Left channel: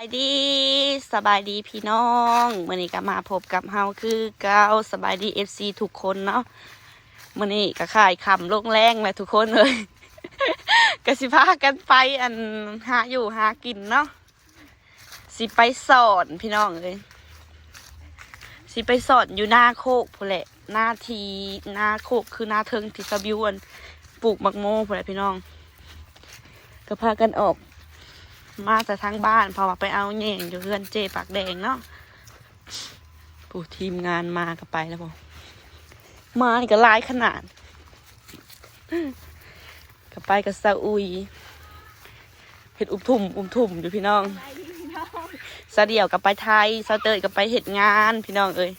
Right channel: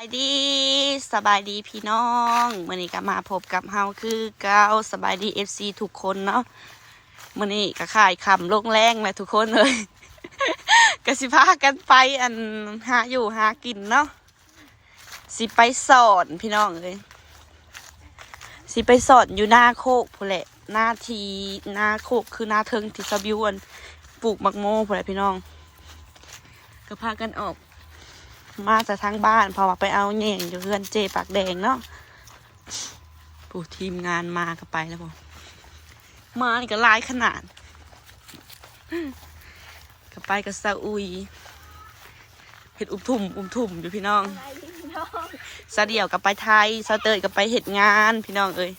สบายดีสบายดีพี่น้องมื่อนี้ก็มาพบกับเฮาคือเก้าสบายดีเอฟซีทุกคนเนาะมื่อนี้ก็ขายคำลงแรงเลยทุกคนเลยก็สิพากันไปอันหาอยู่หากินเนาะสิไปสอนพี่น้องเลยสิไปสอนอยู่หน้าโคกพูแหละหน้าทีหน้าโคกคือหน้าเทิงที่สบิวอันปลูกมักโม่พูแหละพี่น้องก็พากันออก มาจากทางบ้านพอว่าไปเอาแย่งอยู่เพื่อนเจปากแดงเนาะผู้ทีมงานมาก็ไปแล้วบอมาก็ลายขนาดก็ไปกับซาอุยเห็ดอุ้มทุ่มอุ้มทุ่มอยู่พี่น้องซาเดี่ยวกับไปไทยซาเตยกับไปเห็ดงานพี่น้องเอ้ย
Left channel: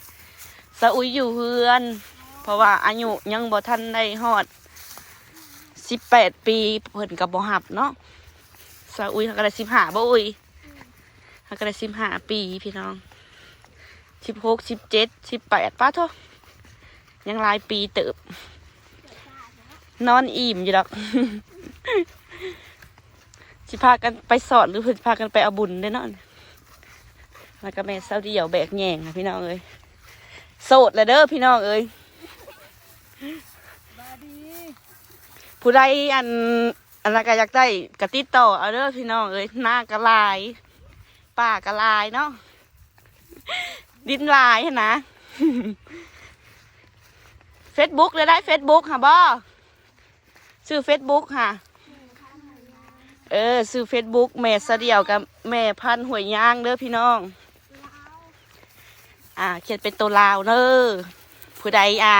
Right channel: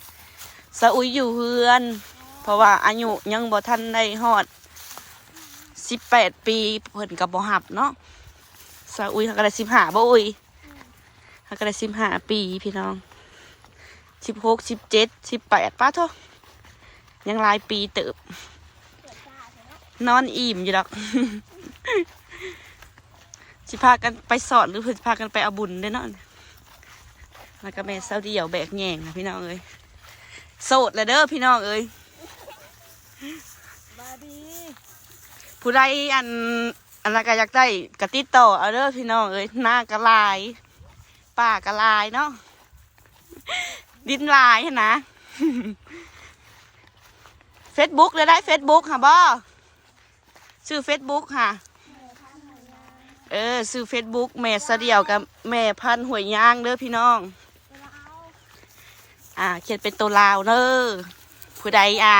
ซาอุยอยู่เฮือน เพราะว่าอายุยังบ่ทันได้ฮอดสิบแปดปีเพิ่นกับบ่หับเนาะ สาวอุ้ยเขาก็ได้สิบห้าบ่อุ้ยเขาก็ได้สิบห้าปีพี่น้องสิบหกสิบเจ็ดสิบแปดป้าโทยังหลายปีเติบ นอนอิ่มอยู่ดอกสิพากันไปสอนหรือเพื่อสิพากันไปเอาบุญได้อเนาะแล้วก็แม่สาวเดียวแบกแง่งค่ะพี่น้องเอ้ยโสดแล้วเด้อพี่น้องเอ้ยบาดีผู้ใดอัน อันละก็อยากได้กะติดต่อเอาเด้อพี่น้องเอ้ยหน้ากระลายป่ากระลายเนาะดินลายนะเฟซบุ๊กเลยได้เฟซบุ๊กค่ะบ่ชื่อเฟซบุ๊กค่ะ เออชื่อเฟซบุ๊กแม่เสเดียวกับแม่พันหวยย่างเด้อพี่น้อง อ่า เขียนเป็นตัวลาวเด้อผู้ใดอ่า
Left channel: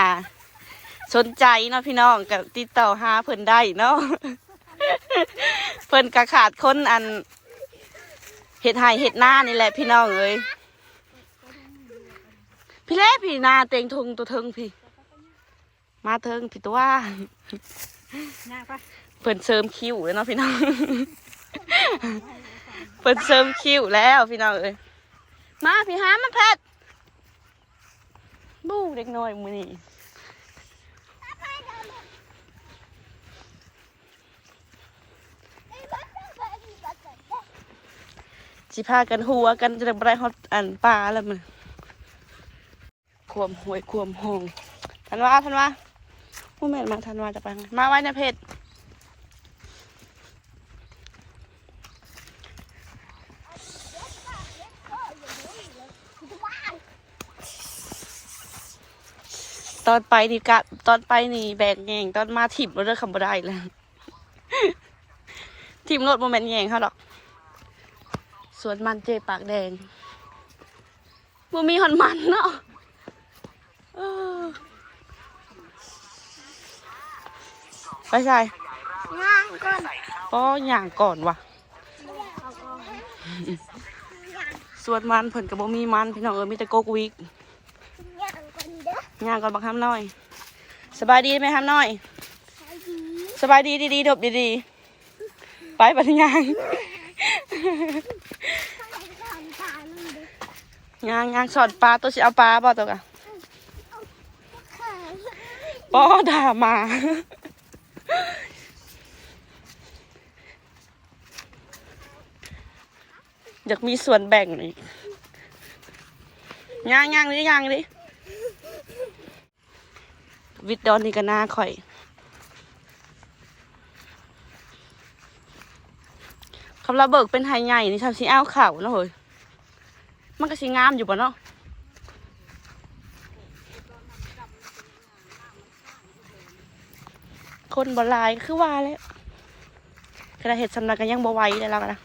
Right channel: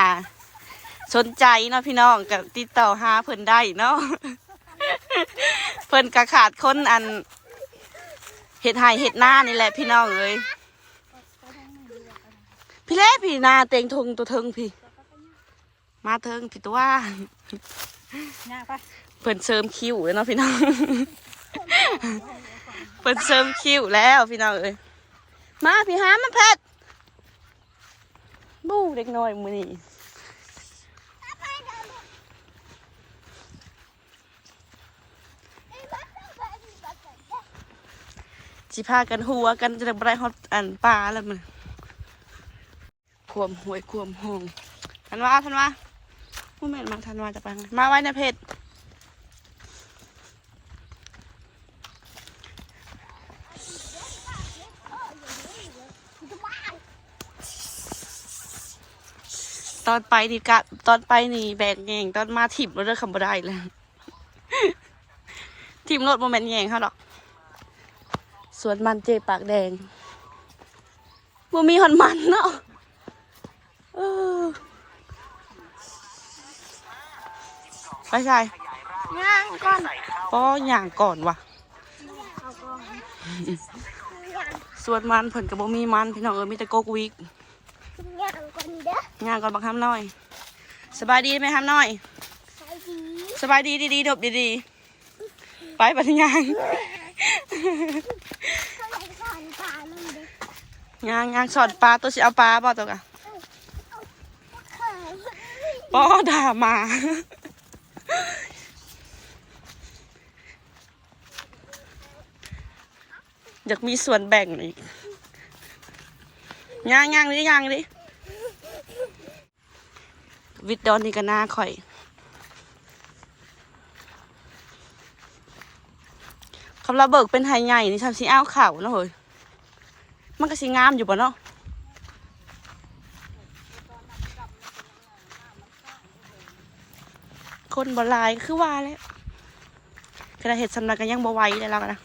สนใจเนาะพี่น้องก็ติดต่อหาเพิ่นได้เนาะ เพิ่นกระขาดคนอันเห็ดไห่เห็ดหน้านี่แหละพี่น้องเอ้ยพี่เล่พี่นาเต็งทงตัวเทิงพี่ มาเทิงพี่ตัวหน้าเพิ่นเสริมคิ้วเนาะพี่น้องเพิ่นเสริมคิ้วแล้วพี่น้องเอ้ยมาพี่หามาแพทย์บู้เด็กน้อยมือนี่ สิพากันหัวกันจะไปฮอดอันปลาแล้วมันควมหวยควมห้องทันว่าทันว่าผู้แม่นมาทันว่าจะไปทางไหนมาไว้ในเพจตอนไปนี่กะตอนไปนี่แบกแงงตอนมาถิบเราเลือกคำบ่ได้แล้วทีมรถโมเมนต์แยงเขาดอก สวนมันเจปากแดงบ่มีหอนมันเนาะเออไปใส่ย่างกันป้อย่างก่อนว่ะเอากองสวนมันเพิ่นกับบ่มีมันพี่น้องเอ้ยมีแต่โกกวิกย่างกันเด้อย่างก่อนบักห้ามน้อย สบายดีไหมห้ามน้อยใช่ดีสบายดีดีๆดบดีๆไปปัญญาง ผ่านผ่านมันเด้ งางงางสอนปลาตัวสิเอาปลาบ่ตัวกะป้อด่ามาอยากมีส่วนแบ่งอีกย่างย่างดิย่างดิวิดดอนนี่ก็น่าข่อย คำระเบิกเป็นไฮใหญ่นี่ทำสีอ้าวเข่าเนะเฮ้ย มันก็สีงามอยู่ปะเนาะคนบหลายคือว่าแล้วกระเห็ดสำนักกันยังบ่ไหวเลยแล้วกันนะ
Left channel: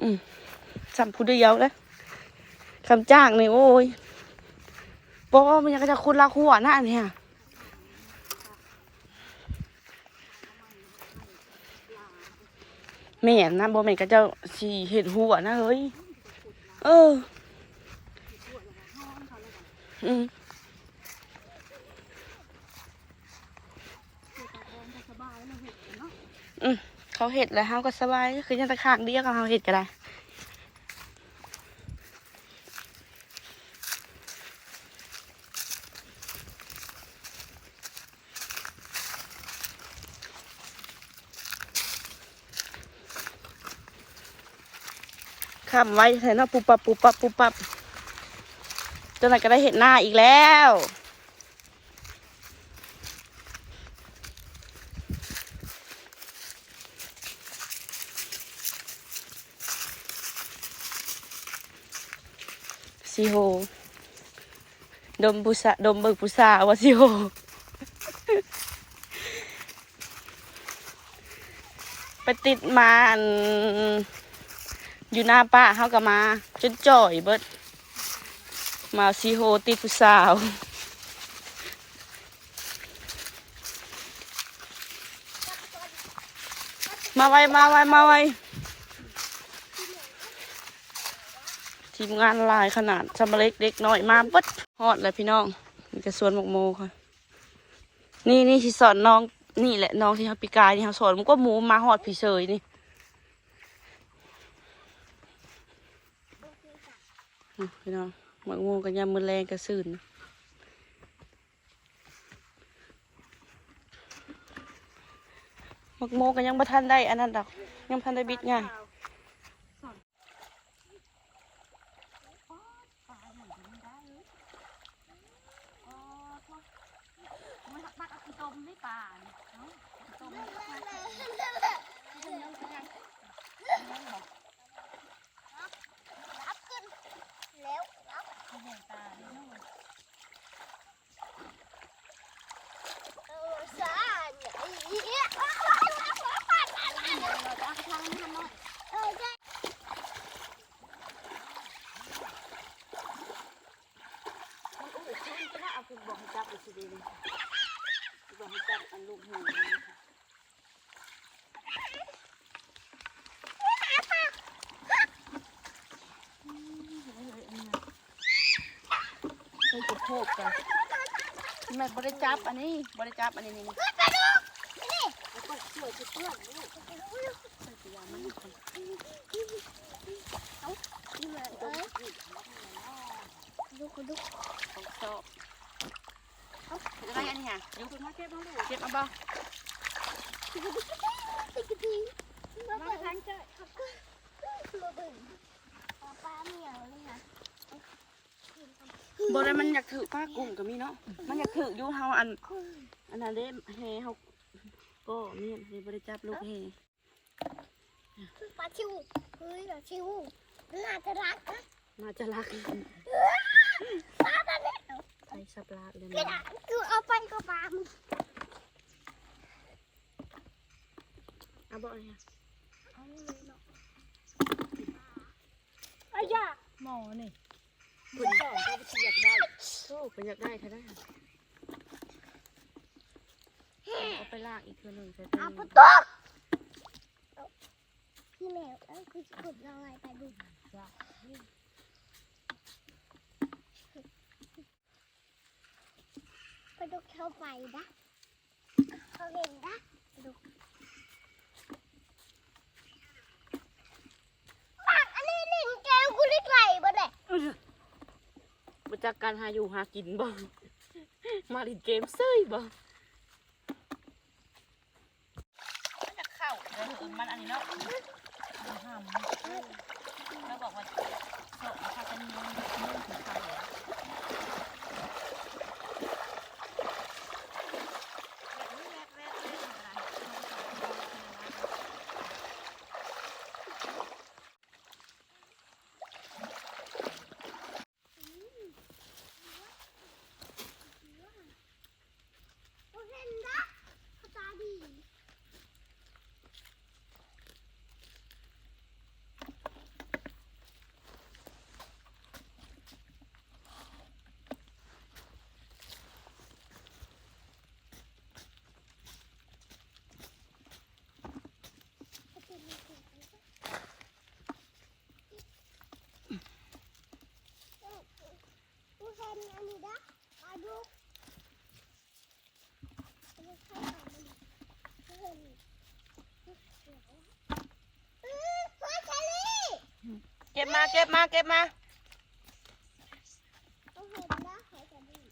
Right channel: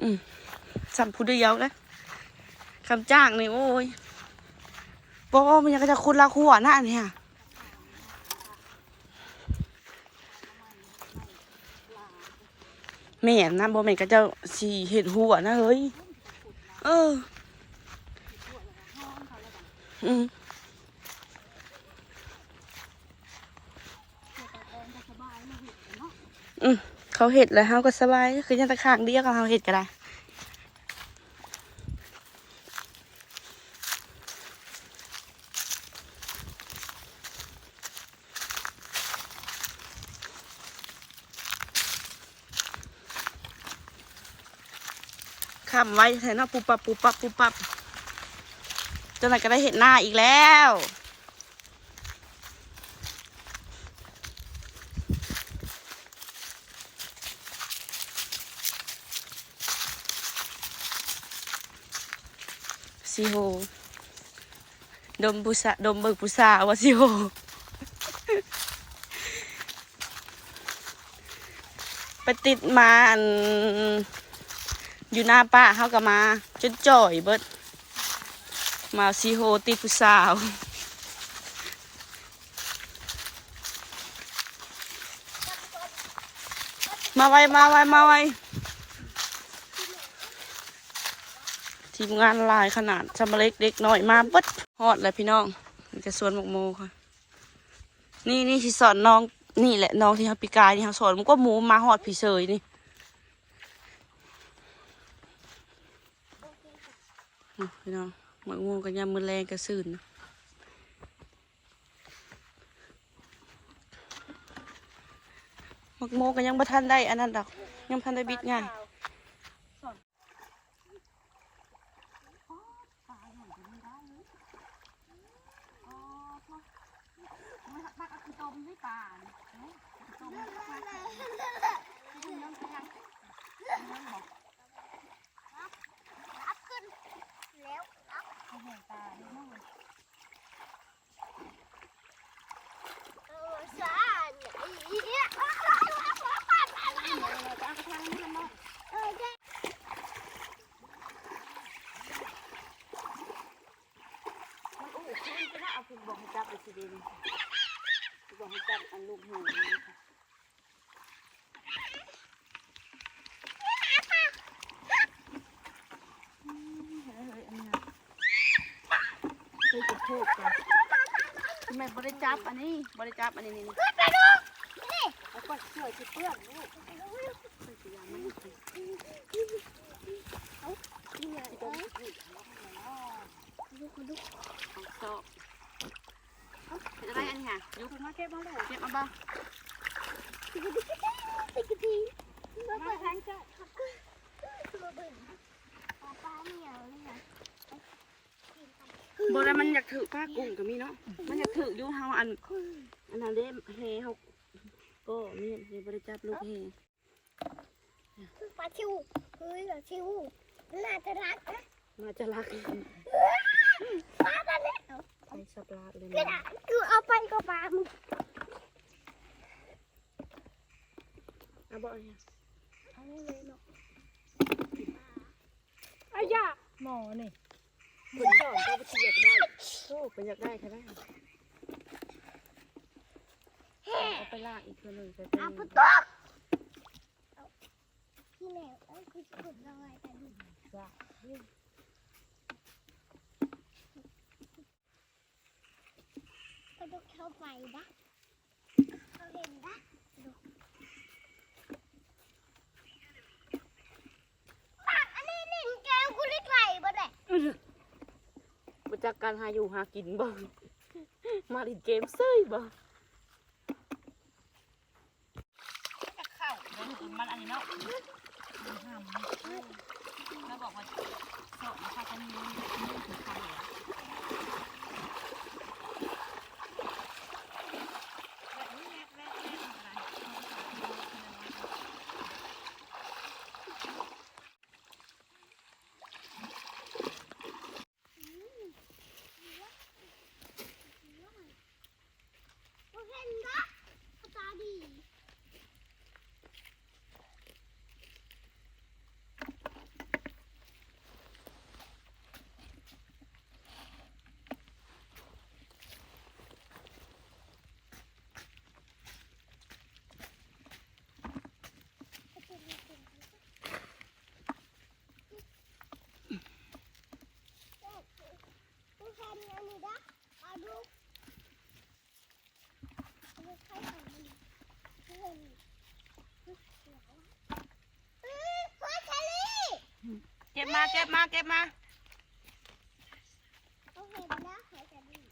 อืมสัมผู้เดียวเลยคำจ้างนี่โอ้ยบอกว่ามันยังก็จะคุณละหัวหน้าเนี่ยแม่นนะบ่แม่นก็จะสีเห็ดหัวนะเฮ้ย เอออืมอืมเขาเห็ดแล้วเขาก็สบายคือยังตะขางเดียวกับเขาเห็ดก็ได้ ข้ามไว้เถอะเนาะปุบปับปุบปับปุบปับจนไหนก็ได้เห็นหน้าอีกแล้วซีโฮดมบุษะดมเบิกบุษาวะซีโฮไปติดมาอัน อยู่หน้าป้าเขาก็มาจนจ่อยเบิด มาซีโฮติผู้สาวมาไวมาไวมาไวทีมงานลายขนาดสมเล็กเด็กน้อยมาเบิดฮอดเลยพี่น้องมีกระสวนหมกโมค่ะ นี่นี่ที่สอนน้องนี่แหละน้องที่เขาปีกายที่เขาสอนมันก็หมูมาหอดพี่เฉยนี่อะ พี่น้องหมกโมกันยามมือแรงกระสื่นนะหมกโมกันยังบ่ทันได้อันนั้นดอกยังทันได้บิดง่ายมันอู้ขึ้นก็ได้เอาคุณ บอกให้จับไปสิเดนี่บอกให้จับอันลูกหูนี่ค่ะเคยจะโทษกันทำไมบริจับอันนี้บริจับอันนี้นี่นี่เอาไปเชื่อจะเปื้อนนี่ต้องนี่ดูดูเอาชอบ อาอะไรอันนี้ค่ะอยู่กันมาเก็บมาดูเก็บมาบ้างติ๊กติ๊กติ๊กติ๊กมาไปทางเจ้าป้าป้าเหนียวนี่นะบ่ได้มันอยากถือป้ากุ้งก็มีเนาะ มันอยากถืออยู่เฮาอัน อันนั้นเด้เฮเฮาก็มีเฮบริจับลูกเฮปลาชิวเฮ้ยปลาชิวน่าจะรักนะน่าจะรักป้าตอนนี้ ส่สับลาเลยกระนะดาษคือเอาไปก็ปลามึงเอาบ่เนี่ยเอาเลยเนาะอายาหมอนี่เพิ่นสอนก็บ่สิอยากได้โอ้เพิ่นอยากได้ค่ะได้เอาไปลากอีกเทื่อหนึงเทื่อหนึเอางปุ๊บตุ๊กพี่แมวเอ้ยคือขุดลอยไปดู ไปดูเข้าไปนะเขาเห็นนะดูอันนี้นี่แกกูได้ไกลบ่ได้มาจากการหาอยู่หากินบ่ มาเล่นเกมเซ้ยบ่จะเข้าเดี๋ยวมันอันนี้เนาะแล้วบอกว่าสอนพากันมือมือถึงใครเหรอ กูเห็นนะตาดี กูเห็นอันนี้นะมาดูกูใครหามันกูเห็นอือหัวเชอรี่เก็บมาเก็บมาเก็บมาเห็นนะหัวเชอรี่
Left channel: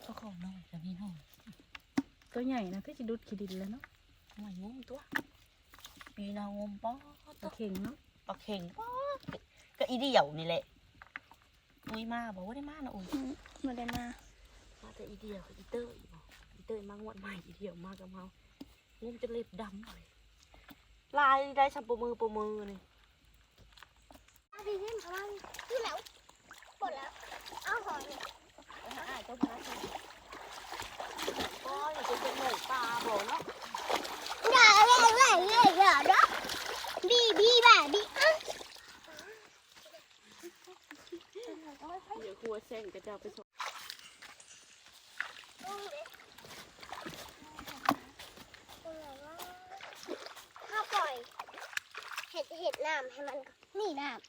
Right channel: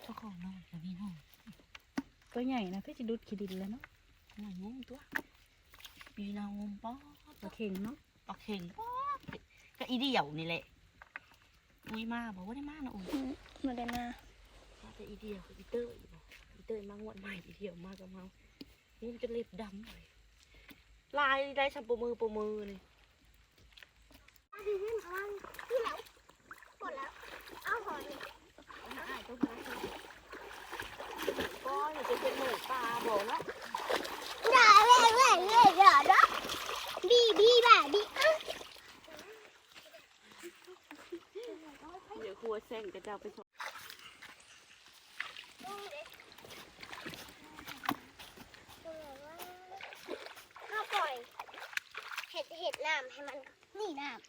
เขาของน้องตัวนี้น้องตัวใหญ่นะที่จะดุดขี้ดินแล้วเนาะ น่อยงมตัวปีนางมป้อตัวเข่งเนาะปลาเข่งป้อก็อีเดี่ยวนี่แหละอุ้ยมาบอกว่าได้มานะอุ้ยมาได้มามาแต่อีเดี่ยวกับอีเตอร์อีกบ่อีเตอร์มางวดใหม่อีเดี่ยวมากับเมางมจะเล็บดำเลยลายได้สัมปมือปมือนี่ดีขึ้นประมาณที่ไหนปวดแล้วเอาหอยก็อย่าไปเป็นหมูปลาบ่เนาะอย่าเลยอย่าเลยอย่านะ ดีดีแบบดีอะเดี๋ยวครัวเส้นก็จะเอาไปส่งถ้าปล่อย เห็ดเห็ดน้ำให้มันนี่น้ำ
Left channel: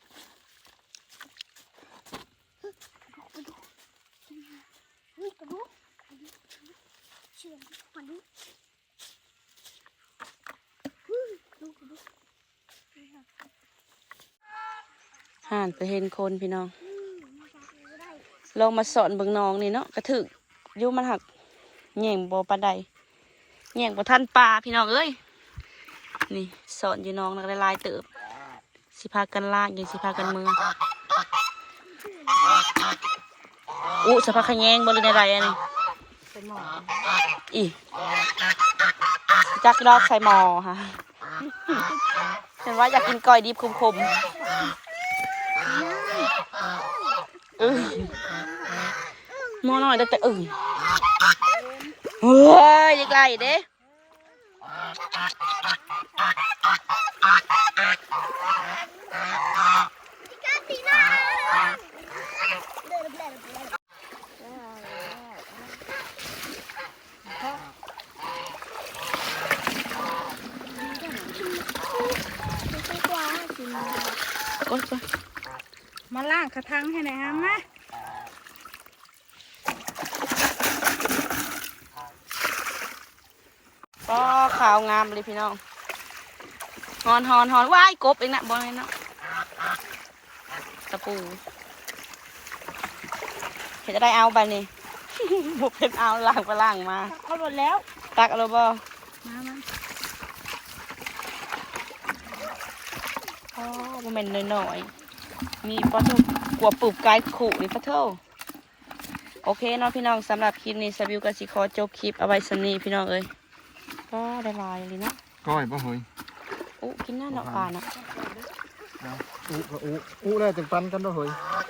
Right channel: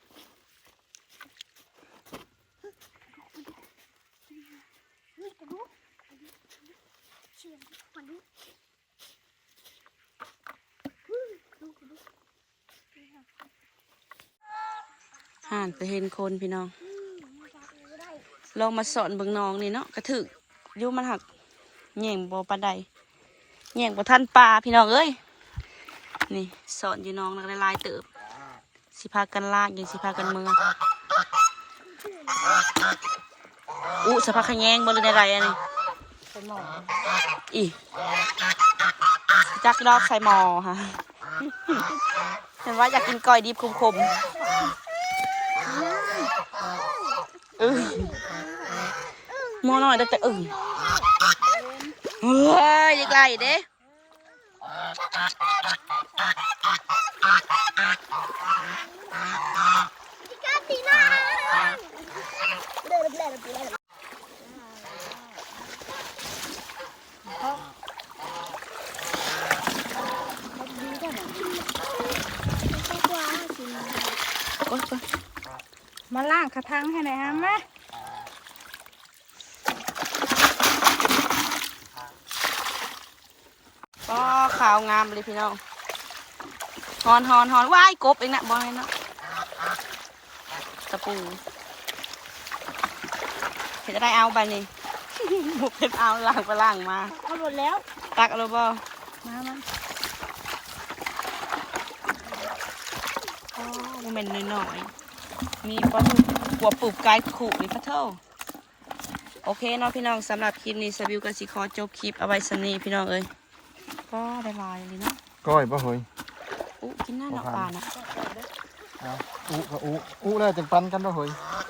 นี่กระดูกเชื่อมันนี่ ห่านไปเห็นคนพี่น้อง ลองมาสอนเบิ่งน้องนี่เนาะกระถึกอยุมันหักแย่งบ่ปานใดแย่งบ่ทันปลาพี่น้องเอ้ยนี่สอนอยู่น้องนักลายเติบ สิพากันลากยังสิพากันเมืองอู้สภาขะแยงบ่หรือในไรอันนี้อีจักดอกใส่หมอฮะเห็นว่าอยากกินก้อยดิบคมๆเออห มอหน่อยได้แต่อึ่งเฮ้ยดีไกลเด้กาตีน่ มาล่างกระทังให้หน่อยฮะแม่ก็ขาวงามเลยพี่น้องฮอนฮอนฮอนว้ายกบเองนะบอลเลยเนาะตะปูเห็นจะได้เอาไปนี่บุกเป็นเอาล่างไปล่างมาเอาหมดแล้ว ตักเอาเลยบ่มามาอ๋อมันเป็นน้อยๆ มีปลาทูกลัวปลูกกายขู่นี่ปลาเท่าโอเคเนาะพี่น้องสำหรับคลิปนี้สบิวกับสิขอจบคลิปเอาไว้สำนี้พี่น้องเอ้ยก็ได้ลายเลยเนาะก้อยบ่เฮ้ยอุ๊กินหน้าเนาะปลาเนาะเอาอู้ก็อู้อู้แล้วจังปันกันบ่เฮ้ยอ